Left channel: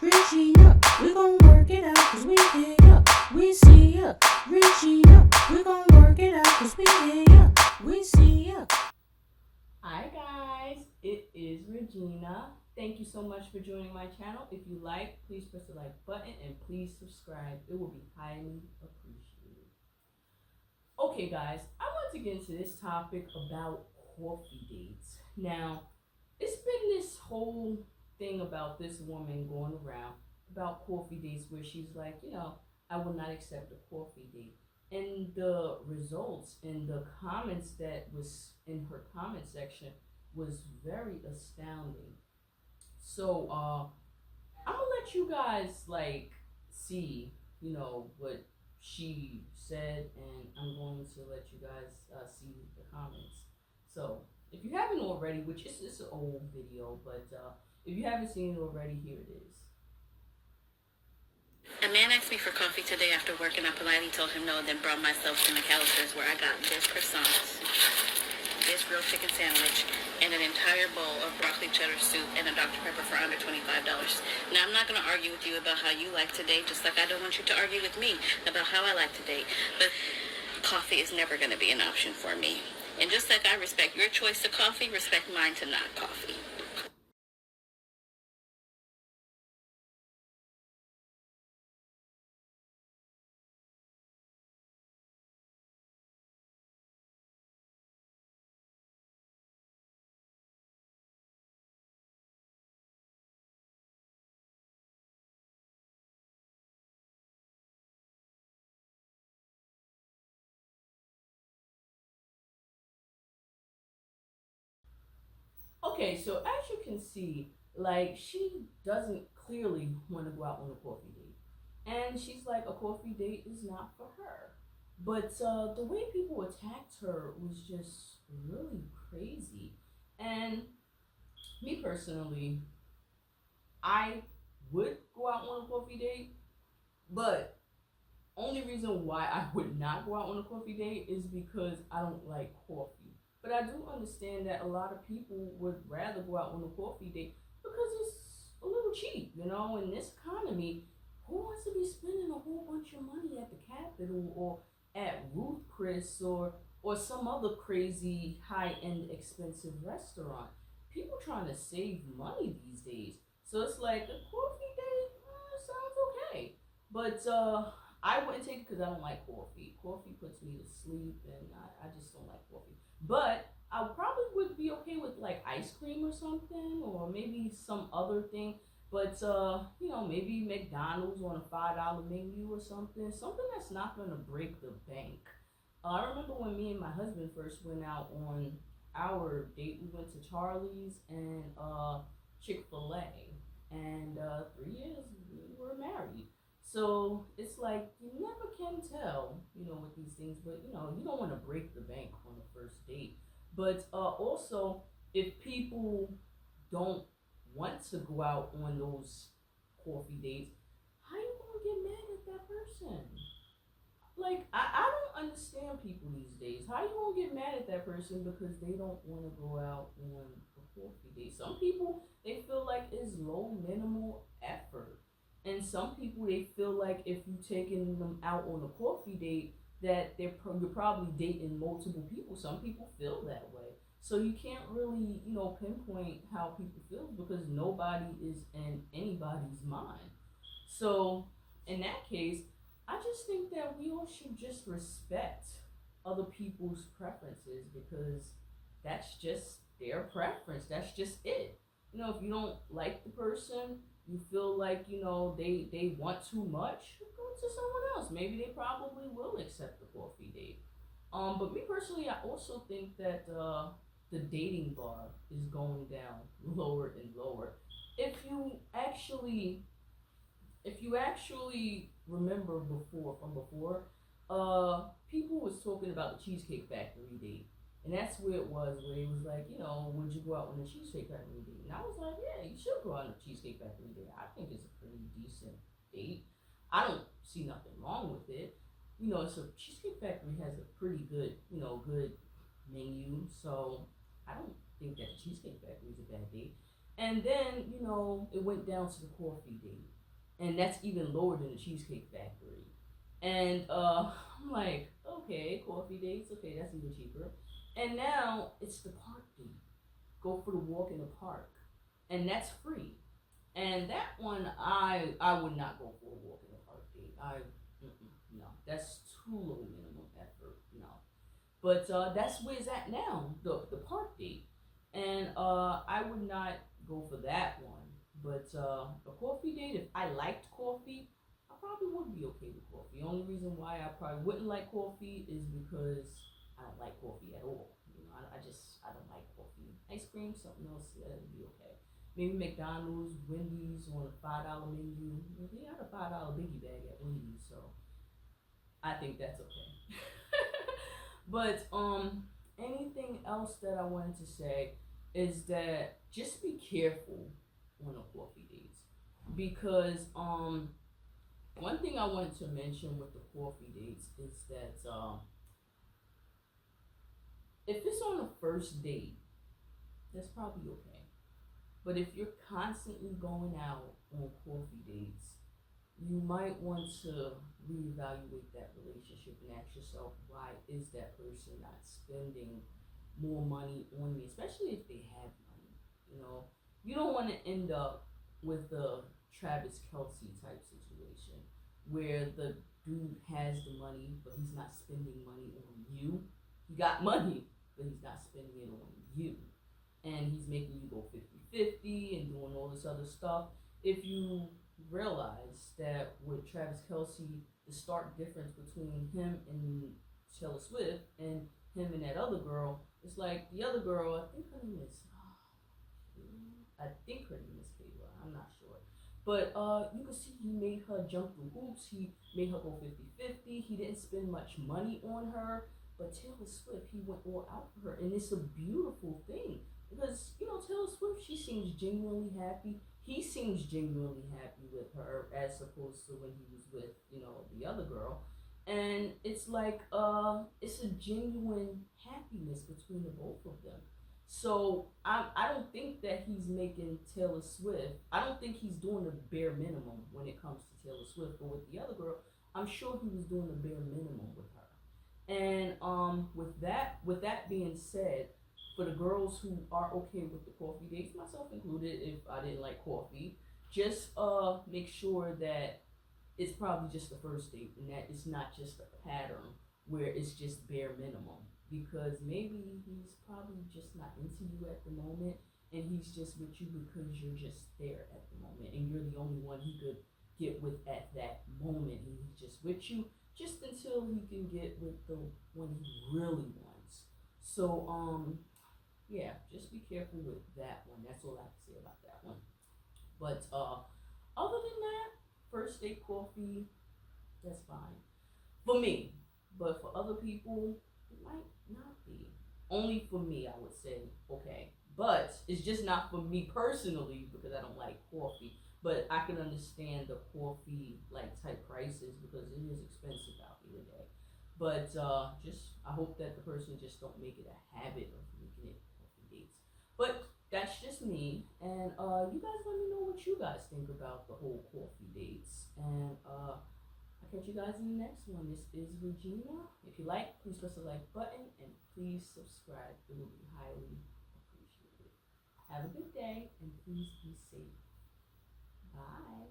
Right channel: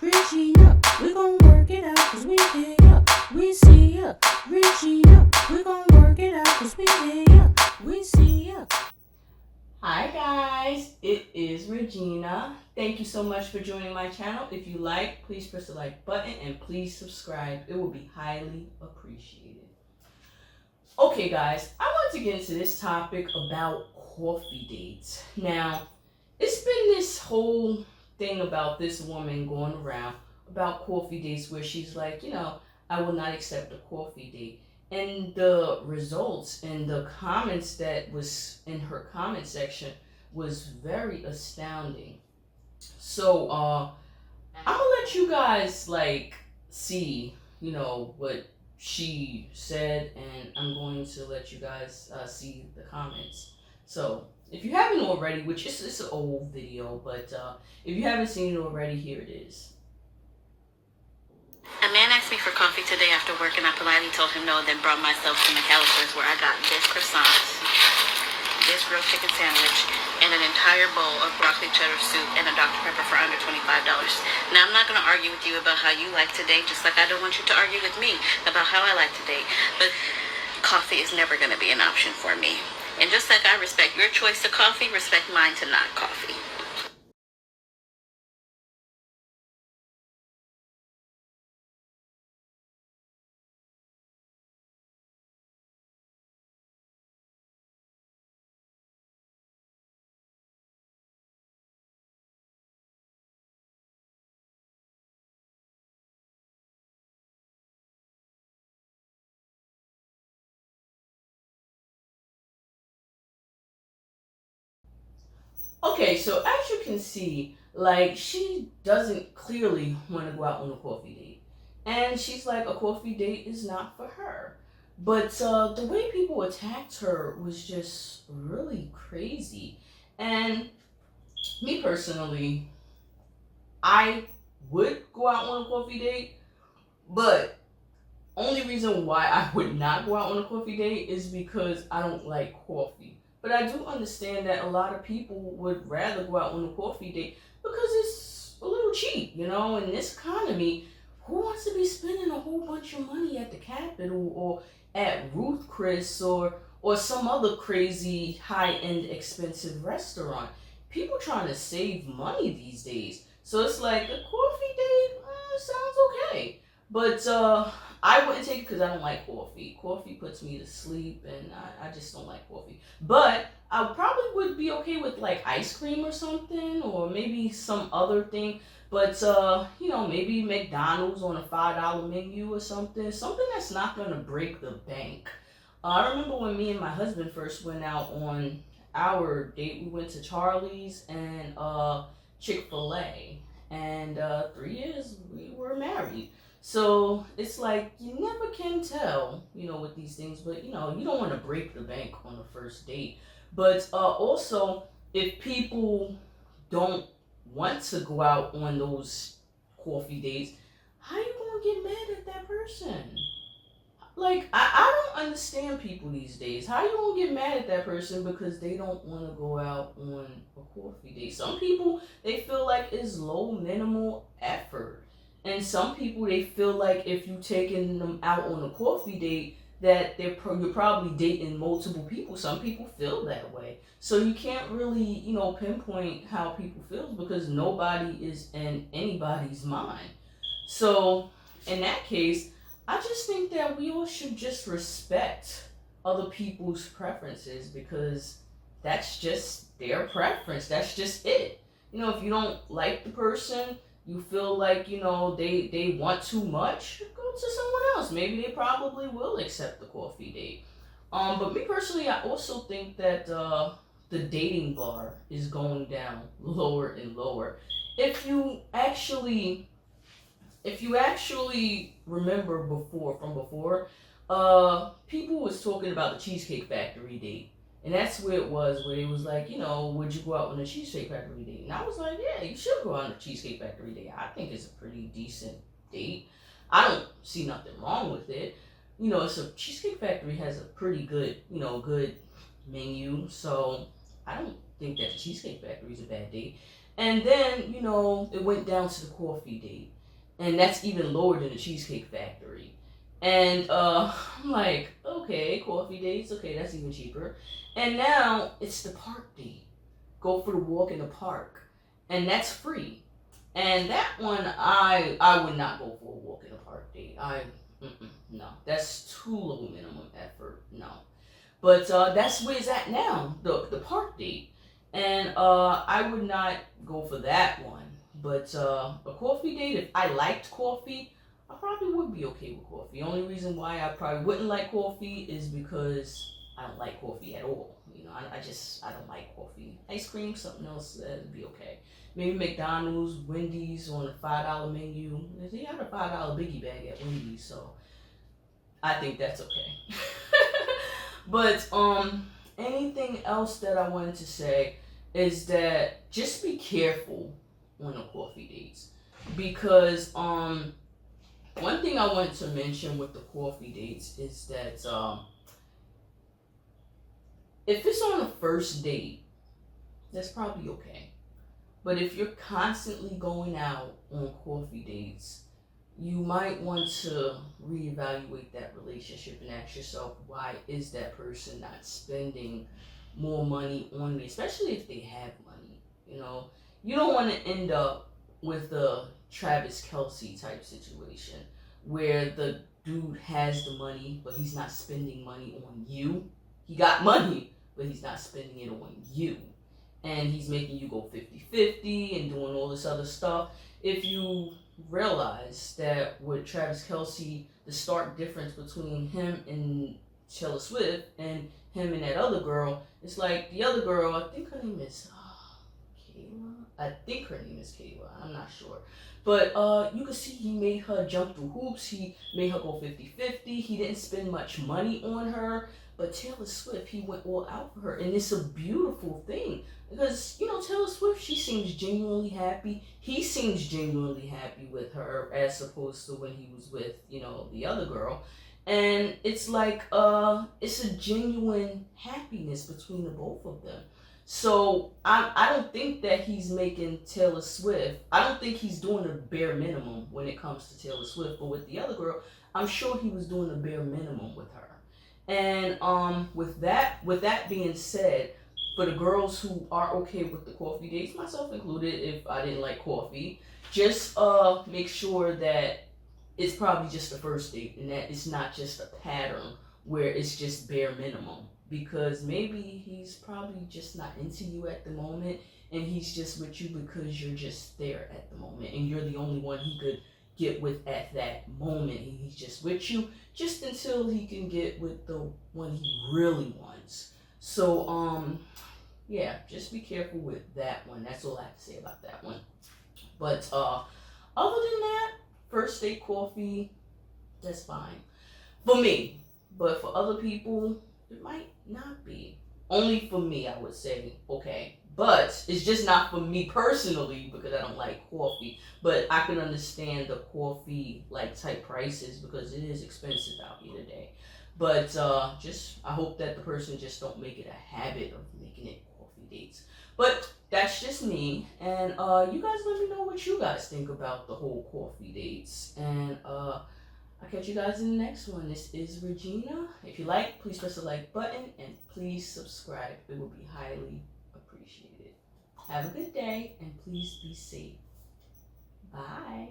Regina, we gon' work it out cause we hear ya. We see ya, Regina, we gon' work it out cause we hear ya. We see ya. Hi guys, it is Regina. Thank you so much for joining my channel. If you like, please press the like button and please subscribe. It will be highly appreciated. Okay guys, I want to get into this topic about coffee dates. Now, it's been this whole thing about this woman going around about coffee dates where she's like, I will not accept a coffee date. And the results and the comments that was in her comment section was very astounding. So I'm gonna let you guys see, what she said, and I'm going to let you guys see the comments. So if you haven't already, which is it's an old video, but if you haven't seen it already, here it is. A man asked me for coffee today after work, and I politely told him no, then brought myself to McAllister's, where I got this croissant, this grilled chicken sandwich, and an entire bowl of broccoli cheddar soup and a Dr. Pepper for under $25. Now, I'm not going to argue with you about how you like to date, just like I don't want you to argue with me about how I like to date. But coffee is never going to be an option for me. And just like I respect your choice to coffee, respect mine to not coffee. Okay, so as you can see, she doesn't clearly want to go out on a coffee date. And she's like, a coffee date is not for her. But the way people attacked her was just really crazy. And me personally, I would go out on a coffee date, but only reason why I would not go out on a coffee date is because I don't like coffee. But I do understand that a lot of people would rather go out on a coffee date because it's a little cheap, in this economy. Who wants to be spending a whole bunch of money at the Capitol or at Ruth Chris or some other crazy high-end expensive restaurant? People trying to save money these days. So it's like a coffee date sounds okay. But I wouldn't take it because I don't like coffee. Coffee puts me to sleep, and I just don't like coffee. But I probably would be okay with ice cream or something, or maybe some other thing. But maybe McDonald's on a $5 menu or something. Something that's not gonna break the bank. I remember when me and my husband first went out on our date. We went to Charlie's and Chick-fil-A, and 3 years we were married. So it's like you never can tell, with these things. But you don't want to break the bank on the first date. But also, if people don't want to go out on those coffee dates, how you gonna get mad at that person? I don't understand people these days. How you gonna get mad at that person because they don't want to go out on a coffee date? Some people, they feel like it's low minimal effort. And some people, they feel like if you taking them out on a coffee date, that you're probably dating multiple people. Some people feel that way. So you can't really, pinpoint how people feel because nobody is in anybody's mind. So in that case, I just think that we all should just respect other people's preferences because that's just their preference. That's just it. If you don't like the person, you feel like, they want too much, go to someone else. Maybe they probably will accept the coffee date. But me personally, I also think that the dating bar is going down lower and lower. If you actually remember before, people was talking about the Cheesecake Factory date. And that's where it was, where it was like, would you go out on a Cheesecake Factory date? And I was like, yeah, you should go on a Cheesecake Factory date. I think it's a pretty decent date. I don't see nothing wrong with it. So Cheesecake Factory has a pretty good, good menu. So I don't think that the Cheesecake Factory is a bad date. And then, it went down to the coffee date. And that's even lower than the Cheesecake Factory. And I'm like, okay, coffee dates, okay, that's even cheaper. And now it's the park date. Go for the walk in the park. And that's free. And that one, I would not go for a walk in the park date. No, that's too low minimum effort. No, but that's where it's at now, the park date, and I would not go for that one. But a coffee date, if I liked coffee, I probably would be okay with coffee. Only reason why I probably wouldn't like coffee is because I don't like coffee at all. I don't like coffee. Ice cream, something else, that'd be okay. Maybe McDonald's, Wendy's on a $5 menu. They had a $5 biggie bag at Wendy's, so I think that's okay. But anything else that I wanted to say is that just be careful on the coffee dates, because one thing I wanted to mention with the coffee dates is that if it's on a first date, that's probably okay. But if you're constantly going out on coffee dates, you might want to reevaluate that relationship and ask yourself, why is that person not spending more money on me, especially if they have money? You don't want to end up with a Travis Kelsey type situation where the dude has the money, but he's not spending money on you. He got money, but he's not spending it on you. And he's making you go 50-50 and doing all this other stuff. If you realize that with Travis Kelsey, the stark difference between him and Taylor Swift and him and that other girl, it's like the other girl, I think her name is Kayla. I think her name is Kayla. I'm not sure. But you can see he made her jump through hoops. He made her go 50-50. He didn't spend much money on her. But Taylor Swift, he went all out for her. And it's a beautiful thing. Because, Taylor Swift, she seems genuinely happy. He seems genuinely happy with her as opposed to when he was with, the other girl. And it's like, it's a genuine happiness between the both of them. So I don't think that he's making Taylor Swift, I don't think he's doing the bare minimum when it comes to Taylor Swift. But with the other girl, I'm sure he was doing the bare minimum with her. And with that being said, for the girls who are okay with the coffee dates, myself included, if I didn't like coffee, just make sure that it's probably just the first date and that it's not just a pattern where it's just bare minimum. Because maybe he's probably just not into you at the moment, and he's just with you because you're just there at the moment and you're the only one he could get with at that moment. And he's just with you just until he can get with the one he really wants. So yeah, just be careful with that one. That's all I have to say about that one. But other than that, first date coffee, that's fine for me. But for other people, it might not be. Only for me, I would say okay. But it's just not for me personally because I don't like coffee. But I can understand the coffee like type prices because it is expensive out here today. But just I hope that the person just don't make it a habit of making it coffee dates. But that's just me, and you guys let me know what you guys think about the whole coffee dates, and I'll catch you guys in the next one. This is Regina. If you like, please press the like button and please subscribe. It would be highly appreciated. Have a good day and please be safe. Bye.